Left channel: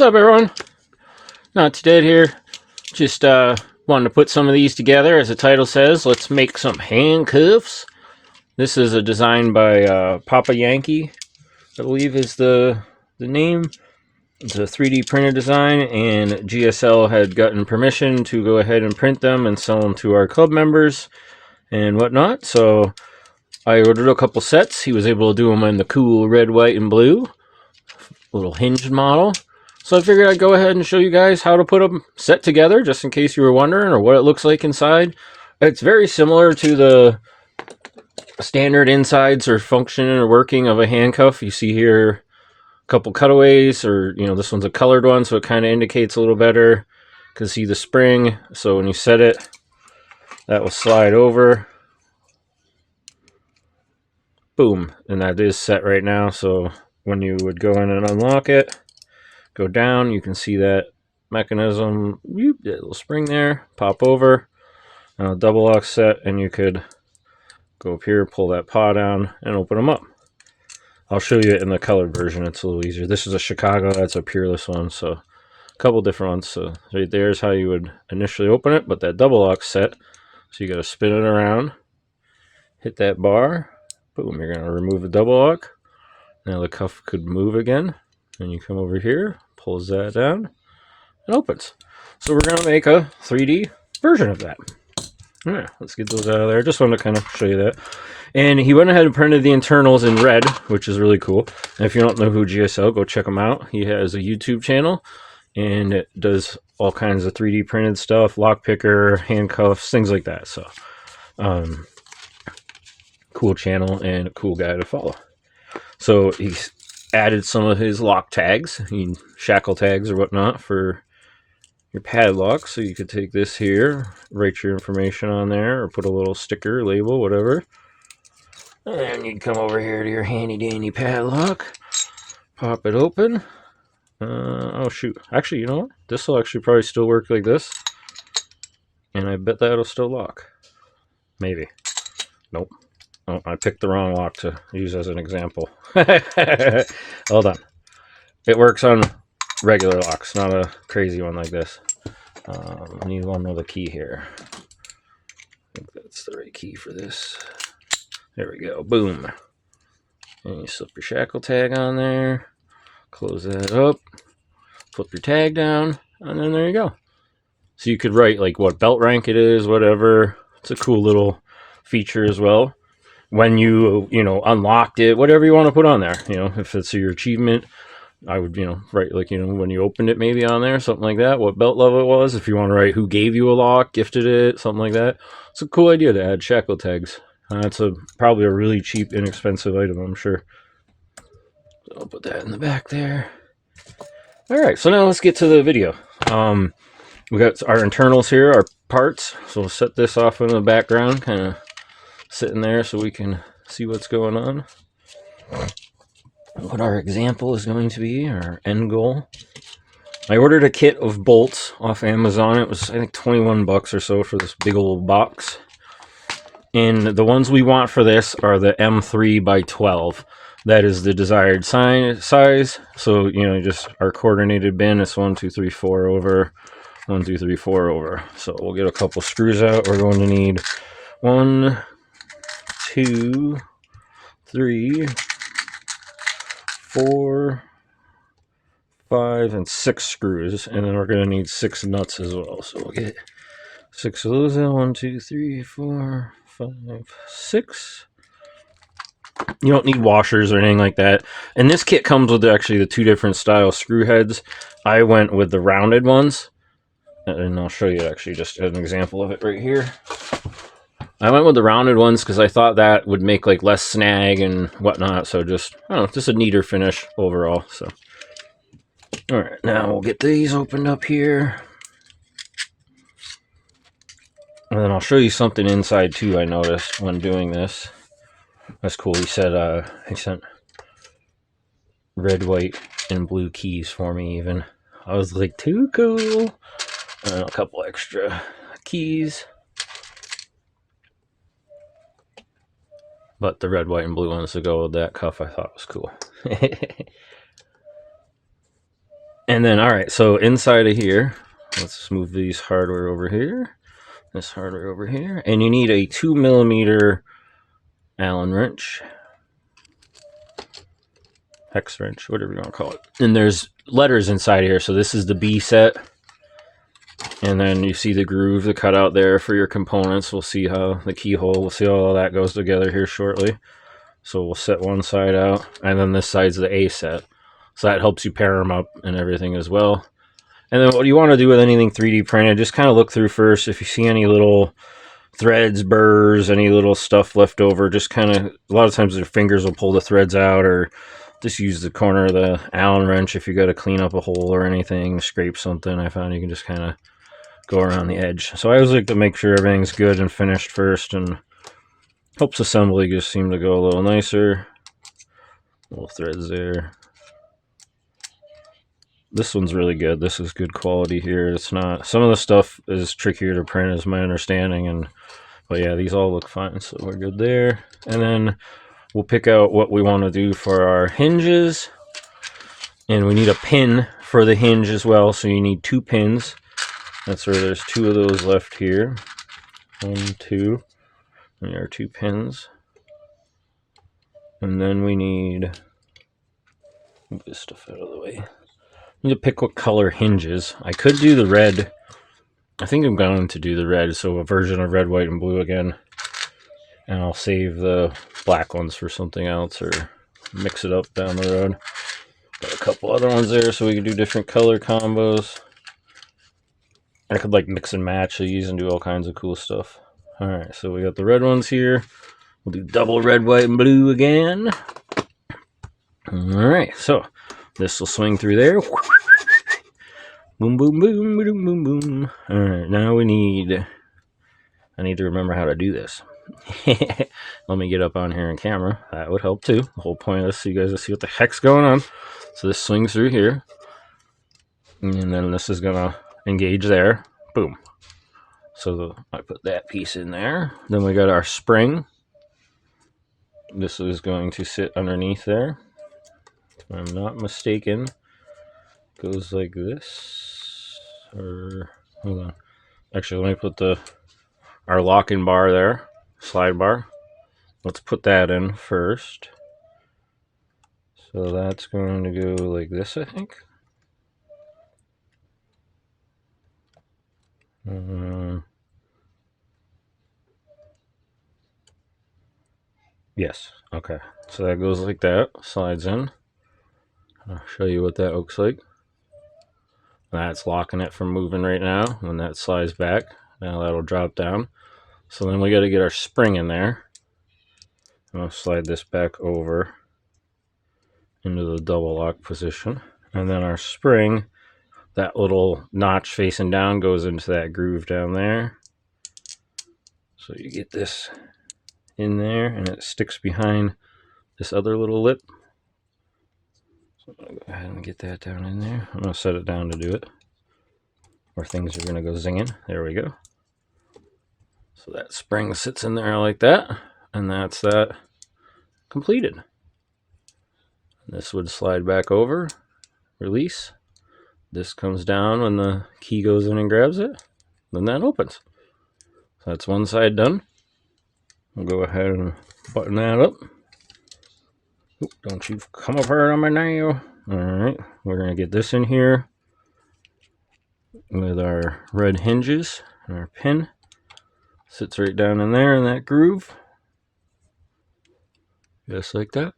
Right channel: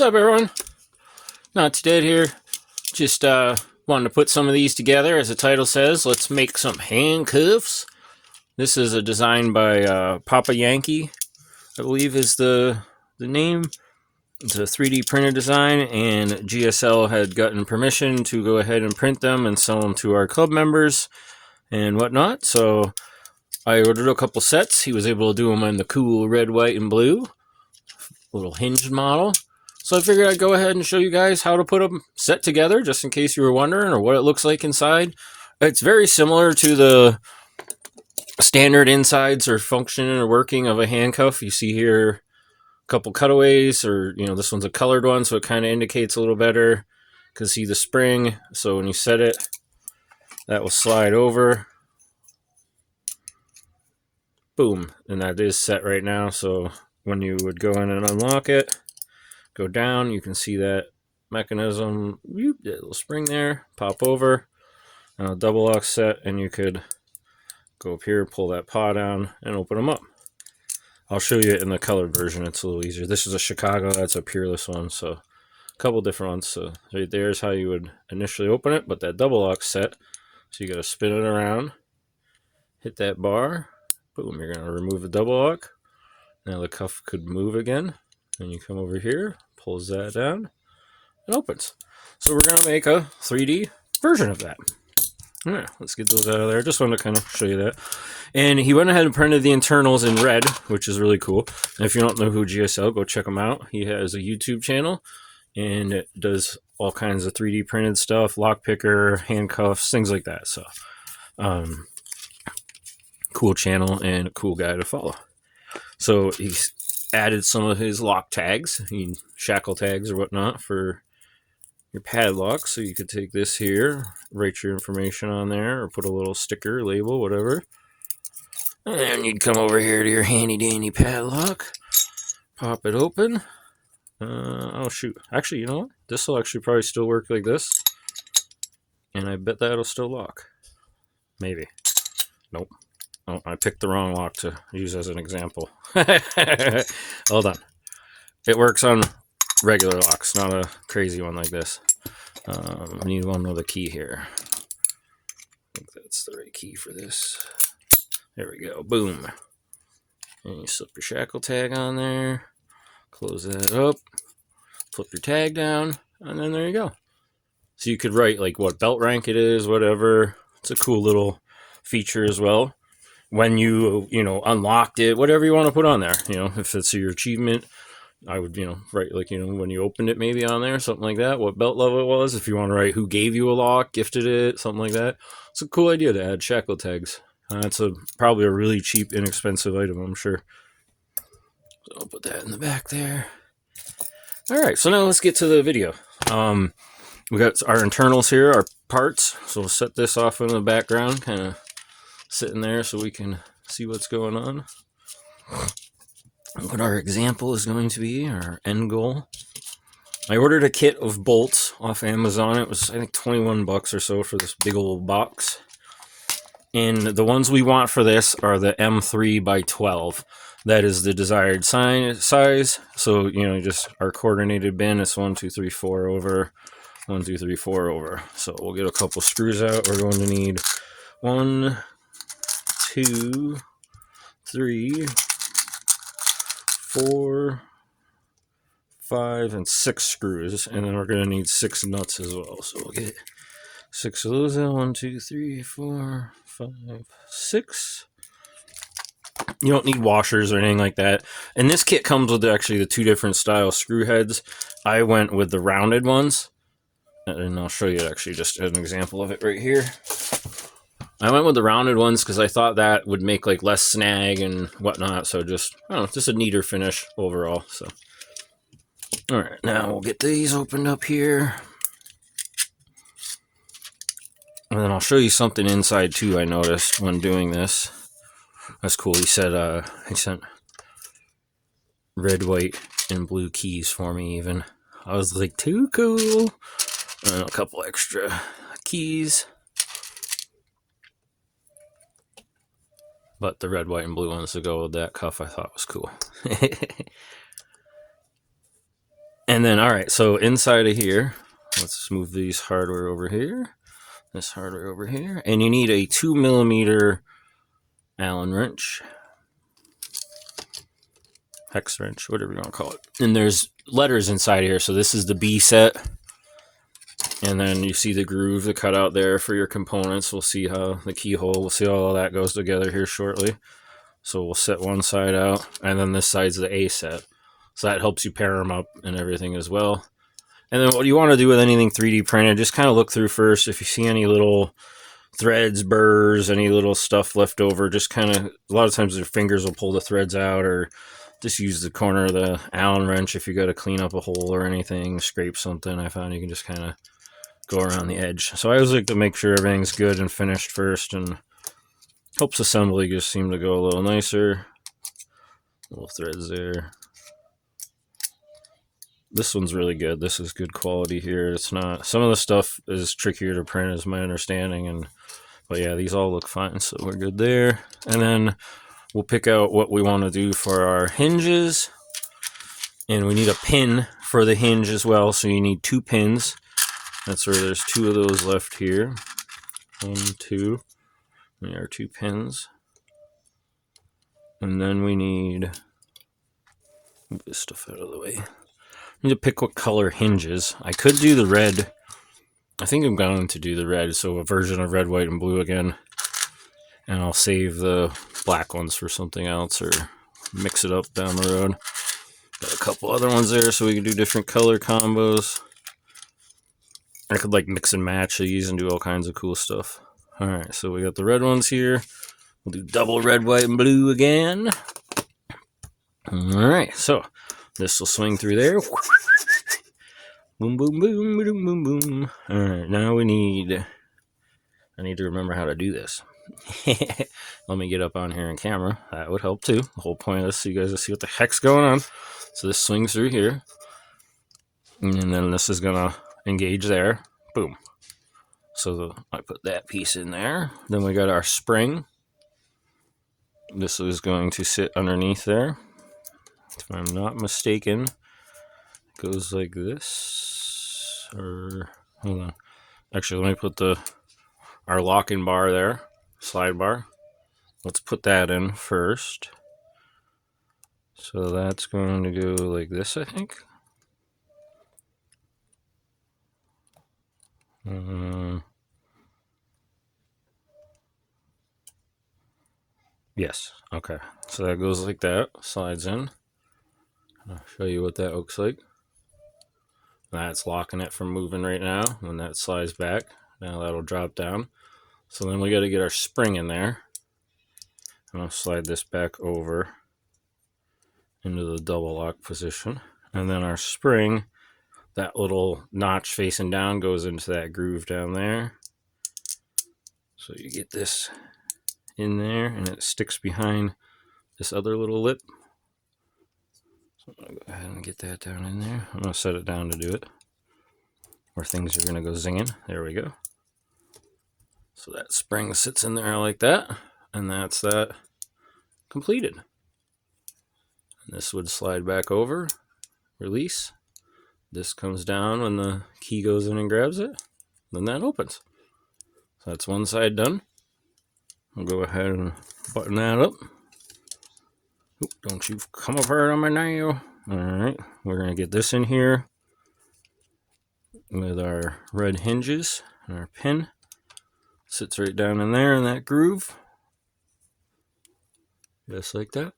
What's up, everyone? Not Too Dead here. Just wanted to put some of these together. As the title says, let's make some handcuffs. This is a design by Papa Yankee, I believe is the name. It's a 3D printed design, and GSL had gotten permission to go ahead and print them and sell them to our club members and whatnot. So I ordered a couple sets. He was able to do them in the cool red, white, and blue. Little hinged model. So I figured I'd go ahead and show you guys how to put them set together, just in case you were wondering, or what it looks like inside. It's very similar to the standard insides or function or working of a handcuff. You see here a couple cutaways, or this one's a colored one, so it kind of indicates a little better. You can see the spring, so when you set it, that will slide over. Boom, and that is set right now, so when you would go in and unlock it, go down, you can see that mechanism, little spring there, pop over, double lock set, and you could go up here, pull that paw down, and open them up. I'll show you it in the colored version, it's a little easier. This is a Chicago, that's a Peerless one, so a couple different ones. So right there is how you would initially open it, but that double lock set, so you got to spin it around, hit that bar, boom, you're going to remove the double lock. Now the cuff could move again, and you come over here, pulls that down, and opens. So we're going to make a 3D version of that. All right, let's get those out of there. Just wanted to kind of show you that. And he went ahead and printed the internals in red, which is really cool. And if you don't know who GSL, go check him out. He has a YouTube channel, and it does all kinds of 3D printed stuff, lock picker, handcuffs, things like that. So, cool channel and a cool guy to follow. So he's added some of his lock tags, shackle tags or whatnot for your padlock. So you could take this here, write your information on there, or put a little sticker, label, whatever. And then you'd come over here to your handy dandy padlock, pop it open. Oh shoot, actually, you know what? This will actually probably still work like this. And I bet that'll still lock. Maybe. Nope. Oh, I picked the wrong lock to use as an example. Hold on. It works on regular locks, not a crazy one like this. I need one with a key here. I think that's the right key for this. There we go. Boom. And you slip your shackle tag on there. Close that up. Flip your tag down. And then there you go. So you could write like what belt rank it is, whatever. It's a cool little feature as well. When you unlocked it, whatever you want to put on there, if it's your achievement, I would, write like, when you opened it maybe on there, something like that, what belt level it was. If you want to write who gave you a lock, gifted it, something like that. It's a cool idea to add shackle tags. It's probably a really cheap, inexpensive item, I'm sure. So I'll put that in the back there. All right, so now let's get to the video. We got our internals here, our parts. So we'll set this off in the background, kind of sitting there so we can see what's going on. What our example is going to be, our end goal. I ordered a kit of bolts off Amazon. It was, I think, 21 bucks or so for this big old box. And the ones we want for this are the M3 by 12. That is the desired size. So, just our coordinated bin is 1, 2, 3, 4 over. 1, 2, 3, 4 over. So we'll get a couple screws out. We're going to need 1, 2, 3, 4, 5, and 6 screws, and then we're going to need 6 nuts as well. So we'll get 6 of those. 1, 2, 3, 4, 5, 6. You don't need washers or anything like that. And this kit comes with actually the 2 different style screw heads. I went with the rounded ones, and I'll show you actually just an example of it right here. I went with the rounded ones because I thought that would make like less snag and whatnot. So just a neater finish overall. So, all right, now we'll get these opened up here. And then I'll show you something inside too I noticed when doing this. That's cool. He said he sent red, white, and blue keys for me even. I was like, too cool. And a couple extra keys. But the red, white, and blue ones to go with that cuff I thought was cool. And then, all right, so inside of here, let's move these hardware over here. This hardware over here. And you need a 2mm Allen wrench. Hex wrench, whatever you want to call it. And there's letters inside here. So this is the B set. And then you see the groove, the cutout there for your components. We'll see how the keyhole, we'll see how all that goes together here shortly. So we'll set one side out, and then this side's the A set. So that helps you pair them up and everything as well. And then what you want to do with anything 3D printed, just kind of look through first. If you see any little threads, burrs, any little stuff left over, just kind of, a lot of times your fingers will pull the threads out, or just use the corner of the Allen wrench if you got to clean up a hole or anything, scrape something. I found you can just kind of go around the edge. So I always like to make sure everything's good and finished first, and helps assembly just seem to go a little nicer. Little threads there. This one's really good. This is good quality here. It's not, some of the stuff is trickier to print is my understanding, but yeah, these all look fine, so we're good there. And then we'll pick out what we want to do for our hinges, and we need a pin for the hinge as well, so you need 2 pins. That's where there's 2 of those left here. 1, 2. And there are 2 pins. And then we need, move this stuff out of the way. I need to pick what color hinges. I could do the red. I think I'm going to do the red, so a version of red, white, and blue again. And I'll save the black ones for something else, or mix it up down the road. Got a couple other ones there, so we can do different color combos. I could like mix and match these and do all kinds of cool stuff. All right, so we got the red ones here. We'll do double red, white, and blue again. All right, so this will swing through there. Boom, boom, boom, boom, boom, boom. All right, now I need to remember how to do this. Let me get up on here on camera. That would help too. The whole point of this, so you guys will see what the heck's going on. So this swings through here. And then this is gonna engage there. Boom. So I put that piece in there. Then we got our spring. This is going to sit underneath there. If I'm not mistaken, it goes like this. Or hold on. Actually, let me put our locking bar there, slide bar. Let's put that in first. So that's going to go like this, I think. Yes, okay. So that goes like that, slides in. I'll show you what that looks like. That's locking it from moving right now. When that slides back, now that'll drop down. So then we got to get our spring in there. And I'll slide this back over into the double lock position. And then our spring, that little notch facing down goes into that groove down there. So you get this in there, and it sticks behind this other little lip. So I'm going to go ahead and get that down in there. I'm going to set it down to do it, or things are going to go zinging. There we go. So that spring sits in there like that, and that's that completed. And this would slide back over, release. This comes down when the key goes in and grabs it. Then that opens. So that's one side done. I'll go ahead and button that up. Oop, don't you come up hard on my nail. Alright, we're going to get this in here with our red hinges and our pin. Sits right down in there in that groove. Just like that.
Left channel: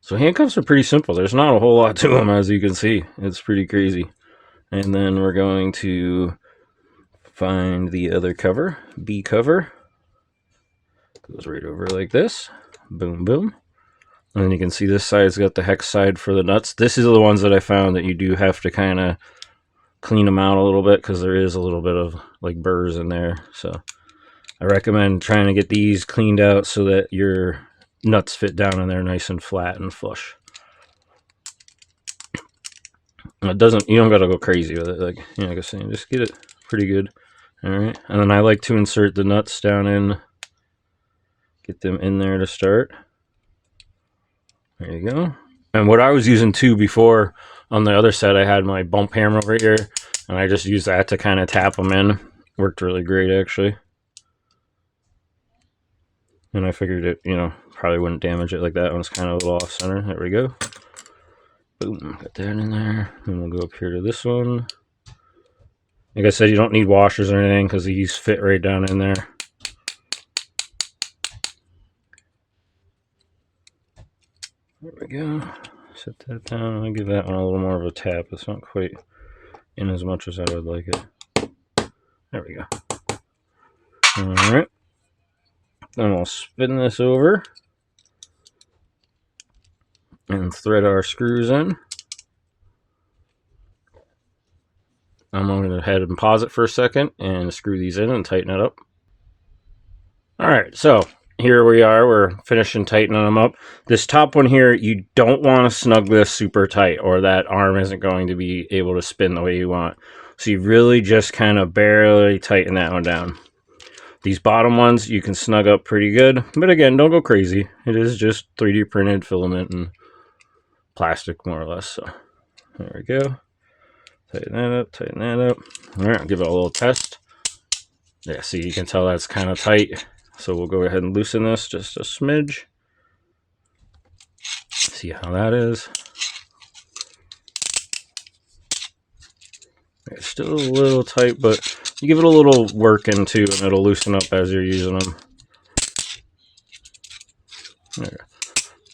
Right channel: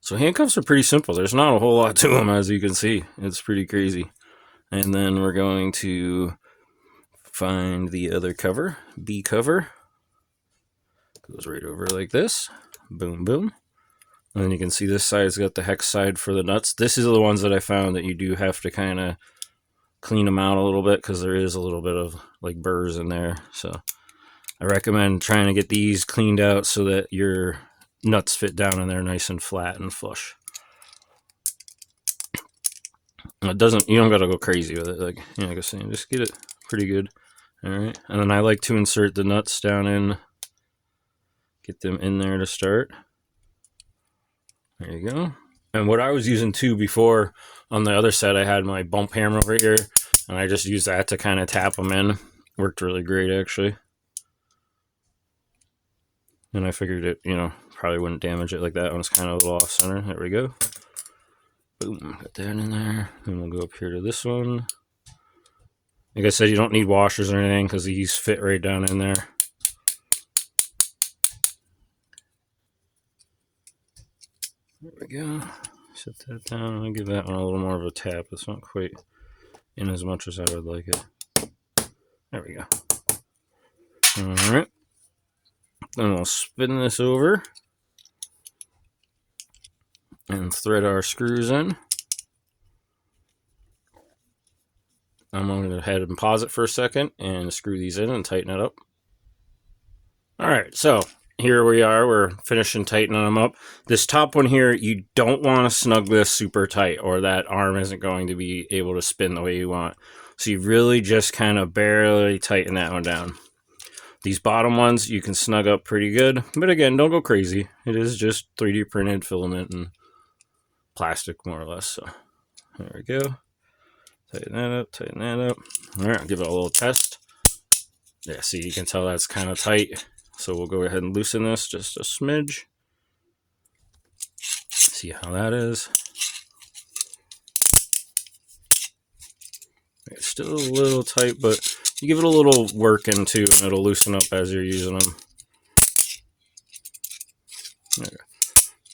So handcuffs are pretty simple. There's not a whole lot to them, as you can see. It's pretty crazy. And then we're going to find the other cover, B cover. Goes right over like this. Boom, boom. And then you can see this side's got the hex side for the nuts. This is the ones that I found that you do have to kind of clean them out a little bit, because there is a little bit of like burrs in there. So I recommend trying to get these cleaned out so that your nuts fit down in there nice and flat and flush. It doesn't, you don't gotta go crazy with it. Like, you know, like I was saying, just get it pretty good. All right, and then I like to insert the nuts down in, get them in there to start. There you go. And what I was using too before, on the other set, I had my bump hammer over here, and I just used that to kind of tap them in. Worked really great, actually. And I figured it, probably wouldn't damage it like that when it's kind of a little off center. There we go. Boom, got that in there. And we'll go up here to this one. Like I said, you don't need washers or anything because these fit right down in there. There we go. Set that down. I'll give that one a little more of a tap. It's not quite in as much as I would like it. There we go. Alright. Then we'll spin this over and thread our screws in. I'm going to go ahead and pause it for a second and screw these in and tighten it up. Alright, so here we are. We're finishing tightening them up. This top one here, you don't want to snug this super tight or that arm isn't going to be able to spin the way you want. So you really just kind of barely tighten that one down. These bottom ones you can snug up pretty good, but again, don't go crazy. It is just 3D printed filament and plastic more or less. So there we go. Tighten that up, tighten that up. All right, give it a little test. Yeah, see, you can tell that's kind of tight. So we'll go ahead and loosen this just a smidge. See how that is. It's still a little tight, but you give it a little work into and it'll loosen up as you're using them. Okay.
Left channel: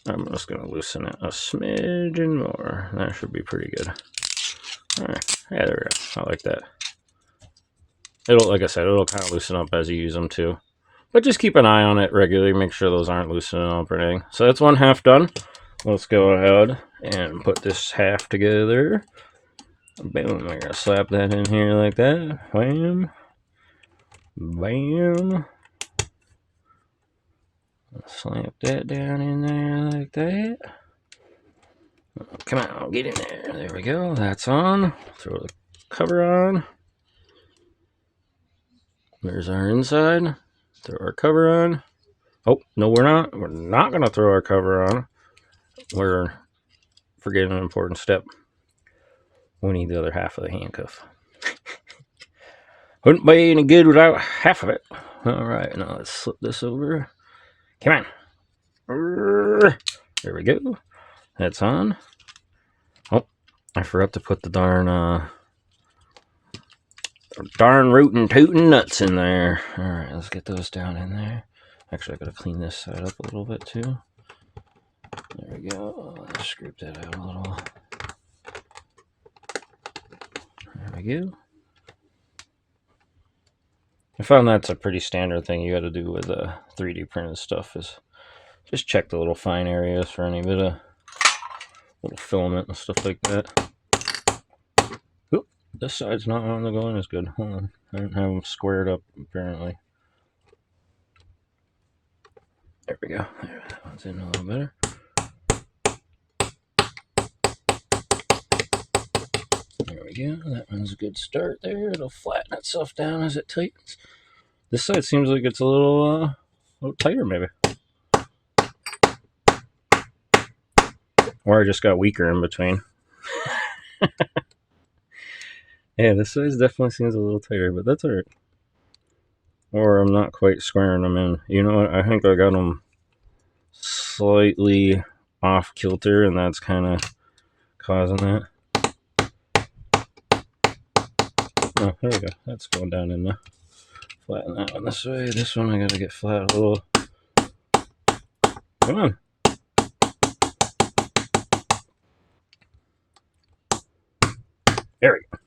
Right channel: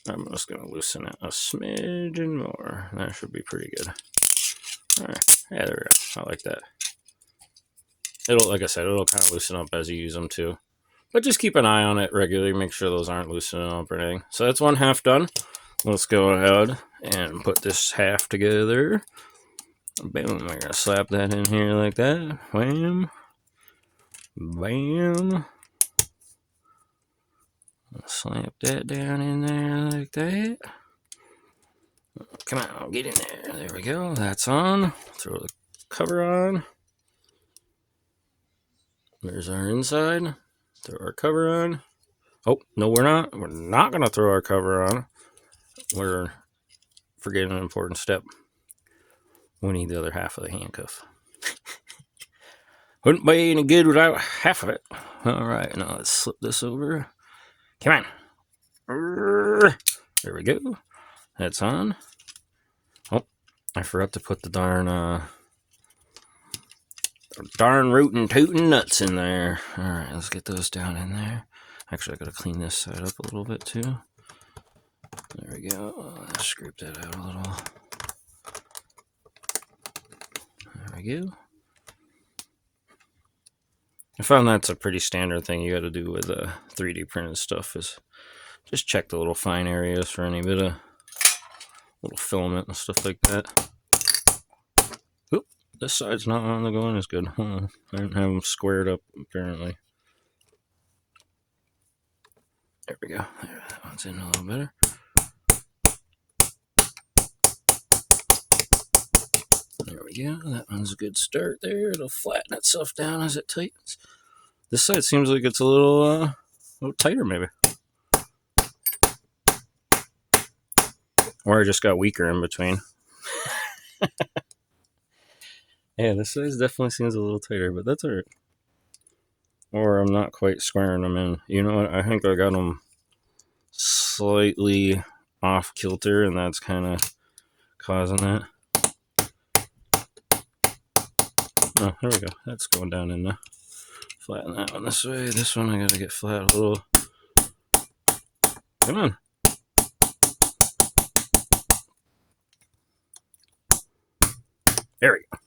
I'm just going to loosen it a smidgen more. That should be pretty good. Alright, yeah, there we go. I like that. It'll, like I said, it'll kind of loosen up as you use them too. But just keep an eye on it regularly. Make sure those aren't loosening up or anything. So that's one half done. Let's go ahead and put this half together. Boom, we're gonna slap that in here like that. Bam. Bam. Slap that down in there like that. Come on, get in there. There we go. That's on. Throw the cover on. There's our inside. Throw our cover on. Oh, no, we're not. We're not going to throw our cover on. We're forgetting an important step. We need the other half of the handcuff. Wouldn't be any good without half of it. All right, now let's slip this over. Come on. There we go. That's on. Oh, I forgot to put the darn rootin' tootin' nuts in there. All right, let's get those down in there. Actually, I gotta clean this side up a little bit too. There we go. Let's scrape that out a little. There we go. I found that's a pretty standard thing you got to do with 3D printed stuff is just check the little fine areas for any bit of little filament and stuff like that. Oop, this side's not on the going as good. Hold on. I didn't have them squared up apparently. There we go. There, that one's in a little better. There we go. That one's a good start there. It'll flatten itself down as it tightens. This side seems like it's a little tighter maybe. Or I just got weaker in between. Yeah, this side definitely seems a little tighter, but that's alright. Or I'm not quite squaring them in. You know what? I think I got them slightly off kilter, and that's kind of causing that. Oh, there we go. That's going down in there. Flatten that one this way. This one I gotta get flat a little. Come on. There we go.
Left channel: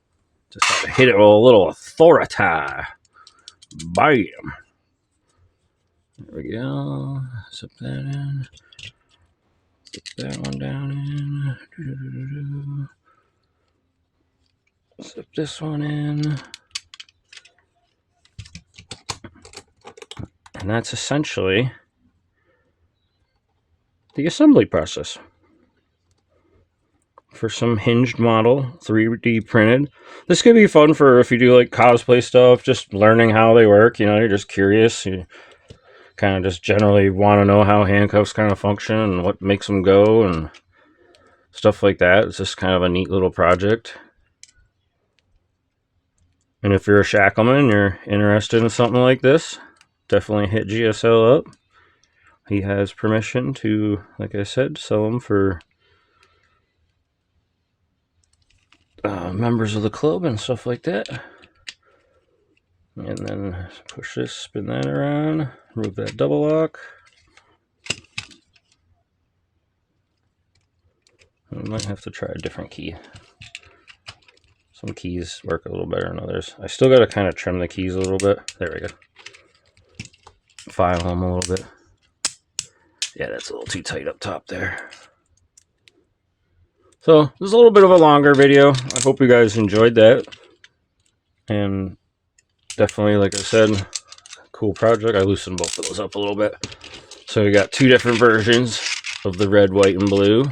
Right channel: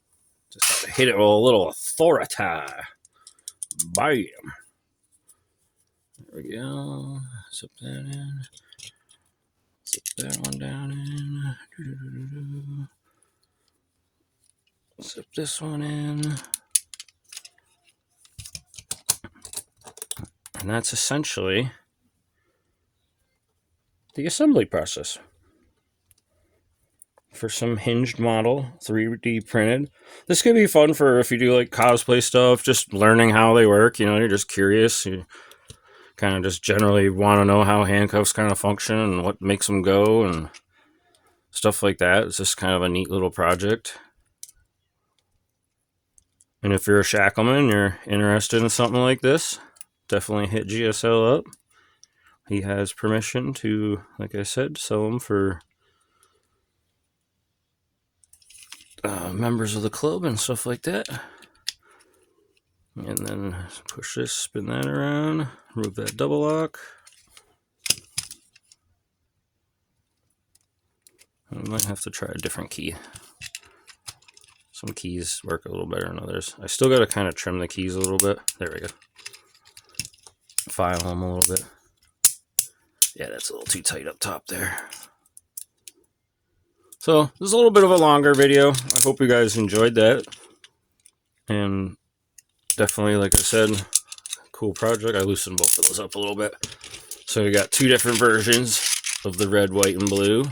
Just have to hit it with a little authority. Bam. There we go. Zip that in. Zip that one down in. Zip this one in. And that's essentially the assembly process for some hinged model, 3D printed. This could be fun for if you do like cosplay stuff, just learning how they work. You know, you're just curious. You kind of just generally want to know how handcuffs kind of function and what makes them go. And stuff like that. It's just kind of a neat little project. And if you're a shackleman and you're interested in something like this, definitely hit GSL up. He has permission to, like I said, sell them for members of the club and stuff like that. And then push this, spin that around, remove that double lock. I might have to try a different key. Some keys work a little better than others. I still got to kind of trim the keys a little bit. There we go. File them a little bit. Yeah, that's a little too tight up top there. So this is a little bit of a longer video. I hope you guys enjoyed that. And definitely, like I said, cool project. I loosened both of those up a little bit. So we got two different versions of the red, white, and blue.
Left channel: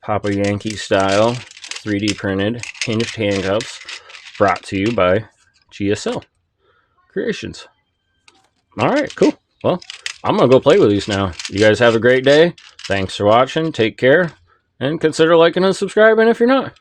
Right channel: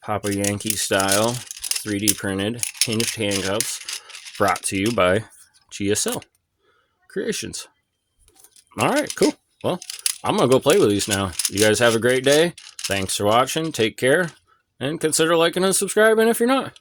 Papa Yankee style, 3D printed, hinged handcuffs, brought to you by GSL Creations. Alright, cool. Well, I'm going to go play with these now. You guys have a great day. Thanks for watching. Take care. And consider liking and subscribing if you're not.